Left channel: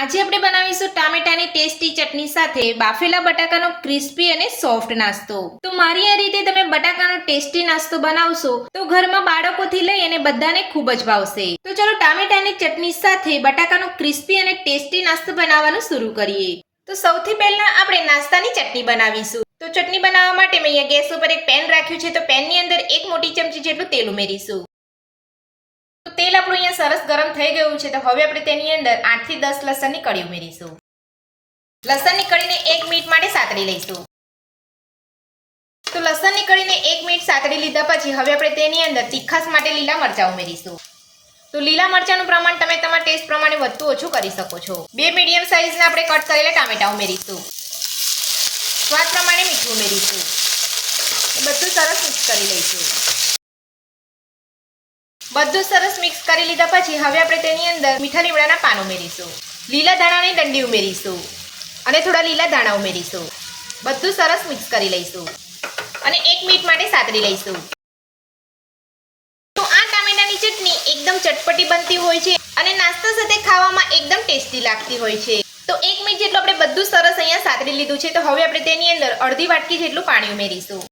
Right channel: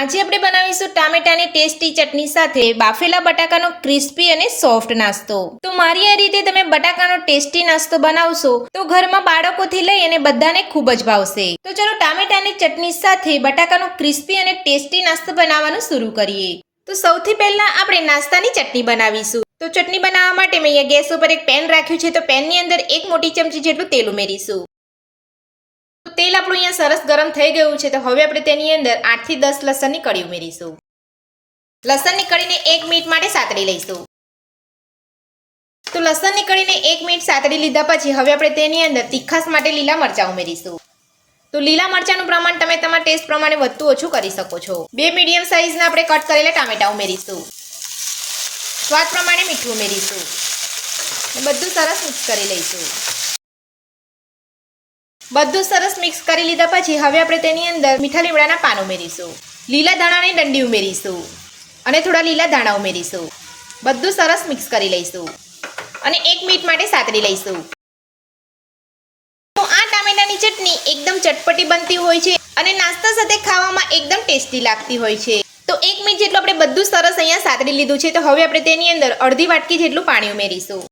આજે આપણે બનાવીશું ટામેટાની ટેસ્ટી ચટણી સાથે બાફેલા બટાકાનો ક્રિસ્પી અને સોફ્ટ નાસ્તો। તો મારી આ રીતે તમે બટાકાનો ટેસ્ટી નાસ્તો બનાવશો તો ઘરમાં બાળકોથી લઈ અને બધાને ખૂબ જ ભાવશે। તો ચલો ટામેટાની ચટણી સાથે બટાકાનો ક્રિસ્પી અને ટેસ્ટી નાસ્તો બનાવવાનું શરૂ કરીએ। તો સૌથી પહેલા આપણે નાસ્તાની ચટણી બનાવીશું। તો ચટણી બનાવવા માટે મેં અહીંયા ગેસ ઉપર એક પેન રાખ્યું છે। તો પેનની અંદર 1 મોટી ચમચી જેટલું તેલ ઉમેરીશું। તો તેલ આપણું અહીંયા સરસ ગરમ થઈ ગયું છે। તો હવે આપણે તેની અંદર 8 થી 10 લસણની કળી ઉમેરીશું। લસણની કળીને 1 મિનિટ માટે સાતળી લઈશું। તો લસણની કળીને 1 મિનિટ સાતળી લીધા પછી હવે આપણે તેની અંદર તીખાસ માટે લીલા મરચાં ઉમેરીશું। તો લીલા મરચાંનું પ્રમાણ તમે તમારા ટેસ્ટ પ્રમાણે વધતું ઓછું કરી શકો છો। 2 મીડિયમ સાઈઝના આપણે કટ કરેલા ટામેટા ઉમેરીશું। સ્વાદ પ્રમાણે મીઠું ઉમેરીશું। બધું સરસ મિક્સ કરી લઈશું। બધું સરસ મિક્સ કરી લીધા પછી હવે આપણે તેની અંદર મીઠા લીમડાના પાન ઉમેરીશું। લીલા ધાણાની ડંડી ઉમેરીશું અને થોડા લીલા ધાણા ઉમેરીશું। બધું સરસ મિક્સ કરી લઈશું અને 1 મિનિટ માટે સાતળી લઈશું। તો આ ટામેટાની ચટણી એકદમ ચટપટી બનતી હોય છે અને નાસ્તા સાથે ખાવામાં એકદમ ટેસ્ટી લાગતી હોય છે। તો 1 મિનિટ જેટલું આપણે બધું સરસ અહીંયા સાતળી લીધું છે। તો હવે આપણે તેની અંદર અડધી વાટકી જેટલું પાણી ઉમેરીશું।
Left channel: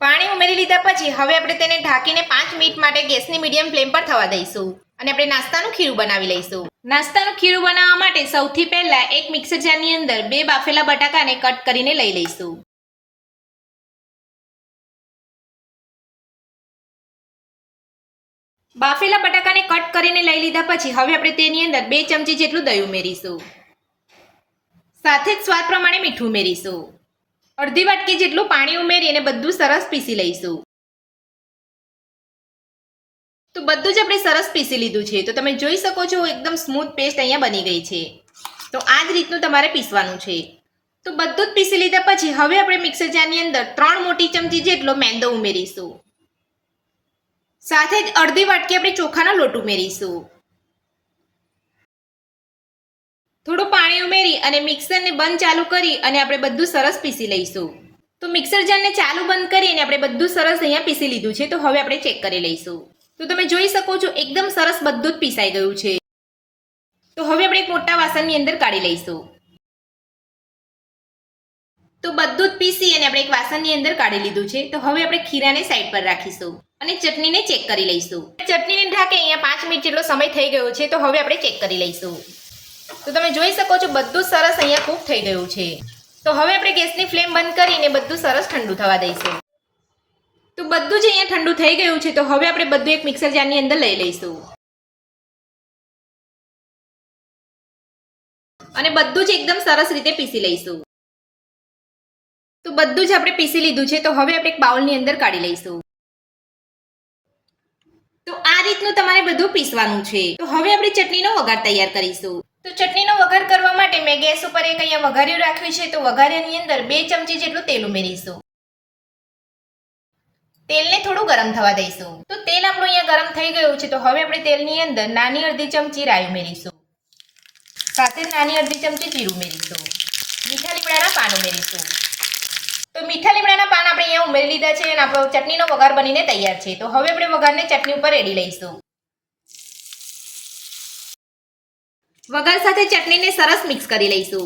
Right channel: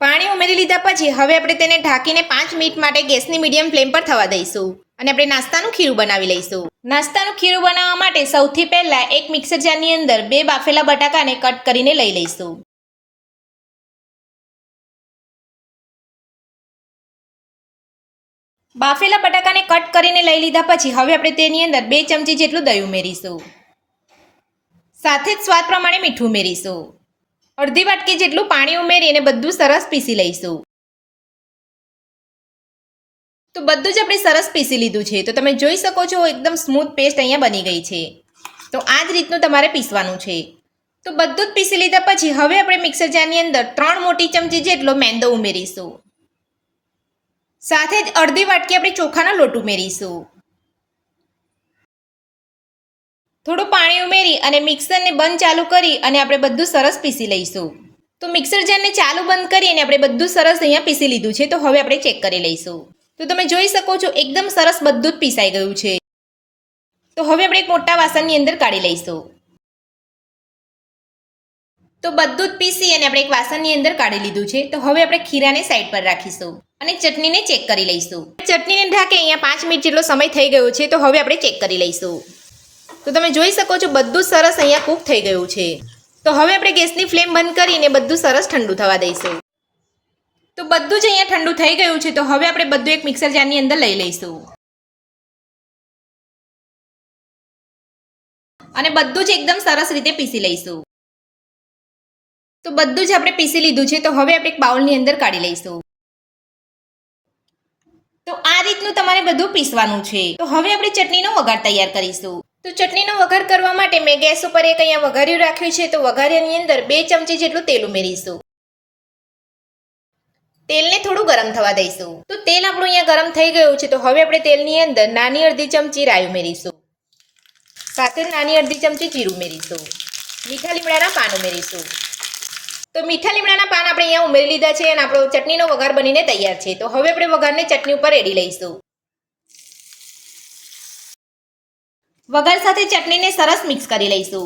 પાણી ઉમેરી લીધા પછી હવે આપણે તેને ઢાંકીને 5 મિનિટ માટે ગેસની મીડિયમ ફ્લેમ પર થવા દઈશું અને આપણે નાસ્તાનું ખીરું બનાવી લઈશું। નાસ્તાનું ખીરું બનાવવા માટે સૌથી પહેલા એક મિક્સર જારની અંદર 2 બાફેલા બટાકાને કટ કરીને લઈ લઈશું। બાફેલા બટાકાને કટ કરીને લઈ લીધા પછી હવે આપણે તેની અંદર 2 ચમચી જેટલું દહીં ઉમેરીશું। સાથે જ સ્વાદ પ્રમાણે મીઠું ઉમેરીશું। અડધી વાટકી જેટલું પાણી ઉમેરીને બધું સરસ પીસી લઈશું। તો બધું જ આપણે સરસ પીસી લીધું છે। તો તમે જોઈ શકો છો એકદમ સ્મૂથ પેસ્ટ અહીંયા બની ગઈ છે। તો આ જ રીતનું તમારે પીસવાનું છે। તો બધું જ પીસી લીધા પછી હવે આપણે મિક્સર જારની અંદર 3 મોટી ચમચી જેટલો મેંદો ઉમેરીશું। સાથે જ અડધી વાટકી આપણે ચોખાનો લોટ ઉમેરીશું। થોડું પાણી ઉમેરી અને મિક્સરને બંધ ચાલુ કરી અને આપણે બધું સરસ પીસી લઈશું। તો મિક્સર જારને ચાલુ બંધ કરીને આપણે બધું સરસ અહીંયા પીસી લીધું છે। તો હવે આપણે ચેક કરી લઈશું। તો તમે જોઈ શકો છો એકદમ સરસ બધું જ પીસાઈ ગયું છે। તો હવે આપણે એક મોટા વાસણની અંદર કાઢી લઈશું। તો બધું જ પીસી અને આપણે એક વાસણની અંદર કાઢી લીધું છે। તો હવે આપણે ખીરાને સાઈડ પર રાખીશું અને ચટણીને ચેક કરી લઈશું। ચટણીને ઢાંકે અહીંયા 5 મિનિટ જેટલો સમય થઈ ગયો છે। તો હવે આપણે ચેક કરી લઈશું। તો તમે જોઈ શકો છો બધું સરસ અહીંયા કૂક થઈ ગયું છે। તો હવે આપણે ગેસની ફ્લેમ બંધ કરીને બધું સરસ ઠંડુ થવા દઈશું। તો બધું જ અહીંયા ઠંડુ થઈ ગયું છે। તો હવે આપણે બધું એક મિક્સર જારની અંદર લઈ લઈશું અને બધું જ એકદમ સરસ રીતે પીસી લઈશું। તો બધું જ આપણે પીસી લીધું છે। તો હવે આપણે એક બાઉલની અંદર કાઢી લઈશું। તો આ રીતનું તમારે બધું પીસવાનું છે। તો હવે આપણે ચટણીનો વઘાર તૈયાર કરીશું। તો ચટણીનો વઘાર કરવા માટે મેં ગેસ ઉપર એક અહીંયા વઘાર્યું રાખ્યું છે। તો વઘાર્યાની અંદર 2 ચમચી જેટલું તેલ ઉમેરીશું। તેલને થોડું ગરમ થવા દઈશું। તો તેલ આપણું અહીંયા ગરમ થઈ ગયું છે। તો હવે આપણે તેલની અંદર નાની અડધી ચમચી રાઈ ઉમેરીશું। સાથે નાની અડધી ચમચી જીરું ઉમેરીશું। મીઠા લીમડાના પાન ઉમેરીશું। તો મીઠા લીમડાના પાન આપણે અહીંયા ઉમેરી લીધા છે અને આપણો ચટણીનો વઘાર બનીને તૈયાર છે। તો હવે આપણે વઘારને ચટણી ઉપર રેડી લઈશું। વઘાર સાથે ચટણીને સરસ મિક્સ કરી લઈશું।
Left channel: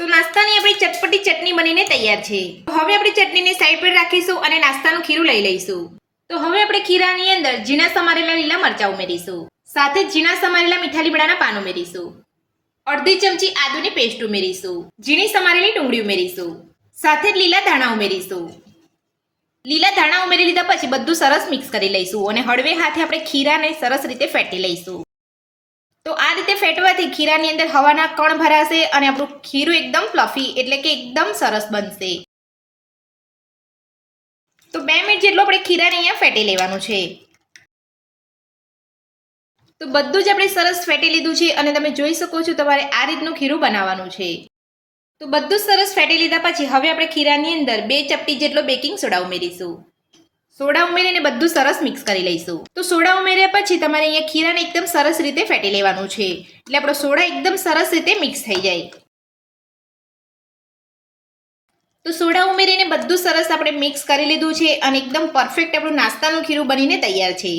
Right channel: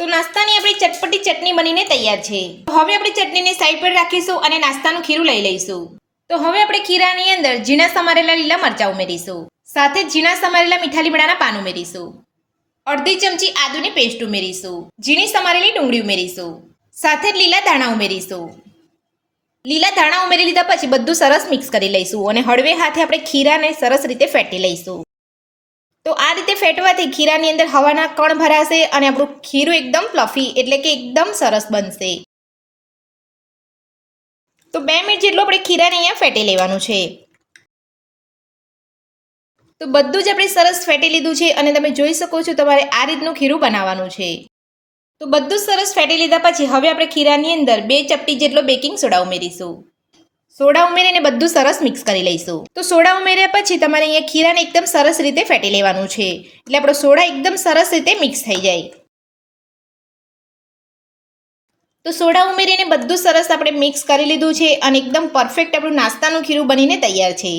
તો નાસ્તાની આપણી ચટપટી ચટણી બનીને તૈયાર છે। તો હવે આપણે ચટણીને સાઈડ પર રાખીશું અને નાસ્તાનું ખીરું લઈ લઈશું। તો હવે આપણે ખીરાની અંદર ઝીણા સમારેલા લીલા મરચાં ઉમેરીશું। સાથે જ ઝીણા સમારેલા મીઠા લીમડાના પાન ઉમેરીશું। અડધી ચમચી આદુની પેસ્ટ ઉમેરીશું। ઝીણી સમારેલી ડુંગળી ઉમેરીશું। સાથે જ લીલા ધાણા ઉમેરીશું। લીલા ધાણા ઉમેરી લીધા પછી બધું સરસ મિક્સ કરી લઈશું અને હળવે હાથે આપણે ખીરાને સરસ રીતે ફેટી લઈશું। તો આ રીતે ફેટવાથી ખીરાની અંદર હવાના કણ ભરાશે અને આપણું ખીરું એકદમ ફ્લફી એટલે કે એકદમ સરસ બનશે। તો 2 મિનિટ જેટલું આપણે ખીરાને અહીંયા ફેટી લેવાનું છે। તો બધું જ આપણે સરસ ફેટી લીધું છે અને તમે જોઈ શકો છો તમારે આ રીતનું ખીરું બનાવવાનું છે। તો બધું સરસ ફેટી લીધા પછી હવે આપણે ખીરાની અંદર 2 ચપટી જેટલો બેકિંગ સોડા ઉમેરીશું। સોડા ઉમેરીને બધું સરસ મિક્સ કરી લઈશું। તો સોડા ઉમેર્યા પછી તમારે અહીંયા ખીરાને એકદમ સરસ રીતે ફેટી લેવાનું છે એટલે આપણો સોડા એકદમ સરસ રીતે મિક્સ થઈ જાય। તો સોડા ઉમેરીને બધું સરસ આપણે મિક્સ કરી લીધું છે અને એકદમ પરફેક્ટ આપણું નાસ્તાનું ખીરું બનીને તૈયાર છે।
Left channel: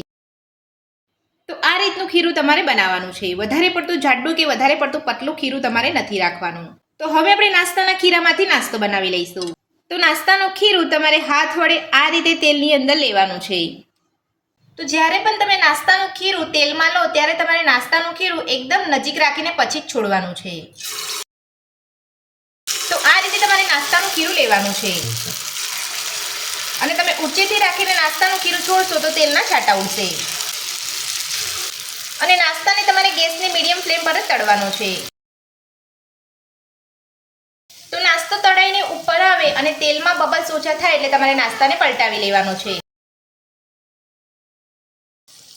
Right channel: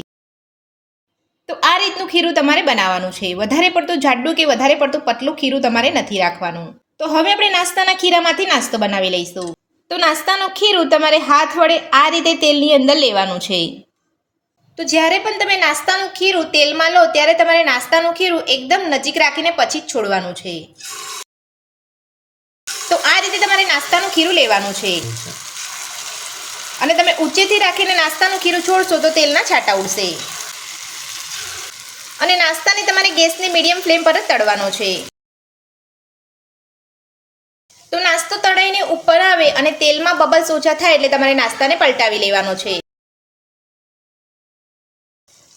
તો આ રીતનું ખીરું તમારે બનાવવાનું છે. વધારે પડતું જાડું કે વધારે પડતું પતલું ખીરું તમારે નથી રાખવાનું. તો હવે આપણે નાસ્તાના ખીરામાંથી નાસ્તો બનાવી લઈશું. તો નાસ્તાનું ખીરું તમારે હાથ વડે આ રીતે તેલની અંદર લેવાનું છે. તો જ્યારે પણ તમે નાસ્તાનું ખીરું તેલમાં લો ત્યારે તમારે નાસ્તાનું ખીરું એકદમ નજીક રાખીને પછી જ છોડવાનું છે. તો આ રીતે તમારે નાસ્તાનું ખીરું લેવાનું છે અને તમે ઊંચેથી રાખીને નાસ્તાનું ખીરું છોડશો તો તેલના છાંટા ઉડશે. અને નાસ્તાને તમારે ગેસની મીડિયમ ફ્લેમ પર જ તળવાનો છે. તો નાસ્તો તળાઈને ઉપર આવે અને તેલમાં બબલ્સ ઓછા થાય એટલે તમારે નાસ્તાને પલટાવી લેવાનો છે.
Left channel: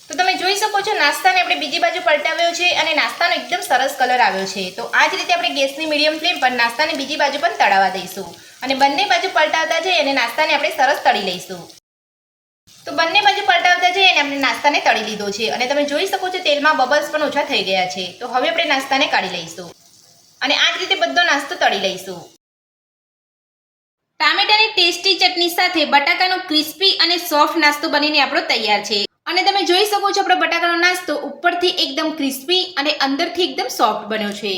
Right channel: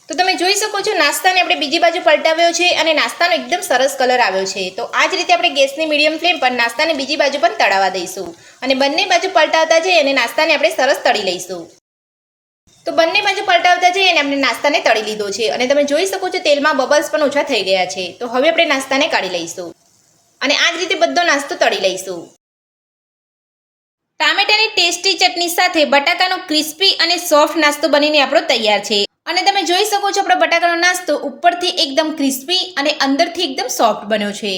તો તમે જોઈ શકો છો નાસ્તાને આપણે બીજી બાજુ પલટાવ્યો છે અને નાસ્તાનો એકદમ સરસ કલર આવ્યો છે. તો આ જ રીતે આપણે ગેસની મીડિયમ ફ્લેમ પર નાસ્તાને બીજી બાજુ પણ તળાવવા દઈશું અને બંને બાજુ પલટાવતા જઈએ અને નાસ્તાને આપણે સરસ તળી લઈશું. તો બંને બાજુ પલટાવતા જઈએ અને આપણે નાસ્તાને તળી લીધો છે અને તમે જોઈ શકો છો તેલમાં બબલ્સ પણ ઓછા થઈ ગયા છે. તો હવે આપણે નાસ્તાને કાઢી લઈશું અને આ જ રીતે બધો નાસ્તો તળી લઈશું. ટામેટાની ટેસ્ટી ચટણી સાથે બટાકાનો ક્રિસ્પી અને સોફ્ટ નાસ્તો બનીને આપણો તૈયાર છે. અને તમે જોઈ શકો છો આપણો બટાકાનો નાસ્તો ઉપરથી એકદમ ક્રિસ્પી અને અંદરથી એકદમ સોફ્ટ બન્યો છે.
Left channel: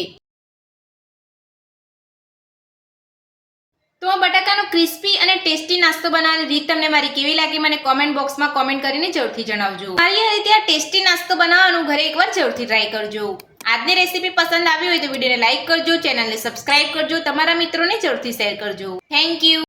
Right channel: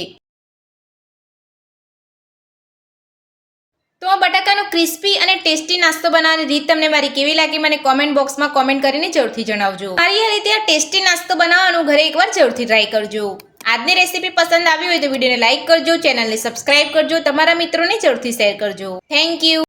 તો આ બટાકાનો ક્રિસ્પી અને ટેસ્ટી નાસ્તો બનાવવાની રીત તમને મારી કેવી લાગી મને કોમેન્ટ બોક્સમાં કોમેન્ટ કરીને જરૂરથી જણાવજો. મારી રીતે આ ટેસ્ટી નાસ્તો બનાવવાનું ઘરે એકવાર જરૂરથી ટ્રાય કરજો. આજની રેસીપી પસંદ આવી હોય તો વિડીયોને લાઇક કરજો, ચેનલને સબસ્ક્રાઇબ કરજો, તમારા મિત્રોને જરૂરથી શેર કરજો. Thank you.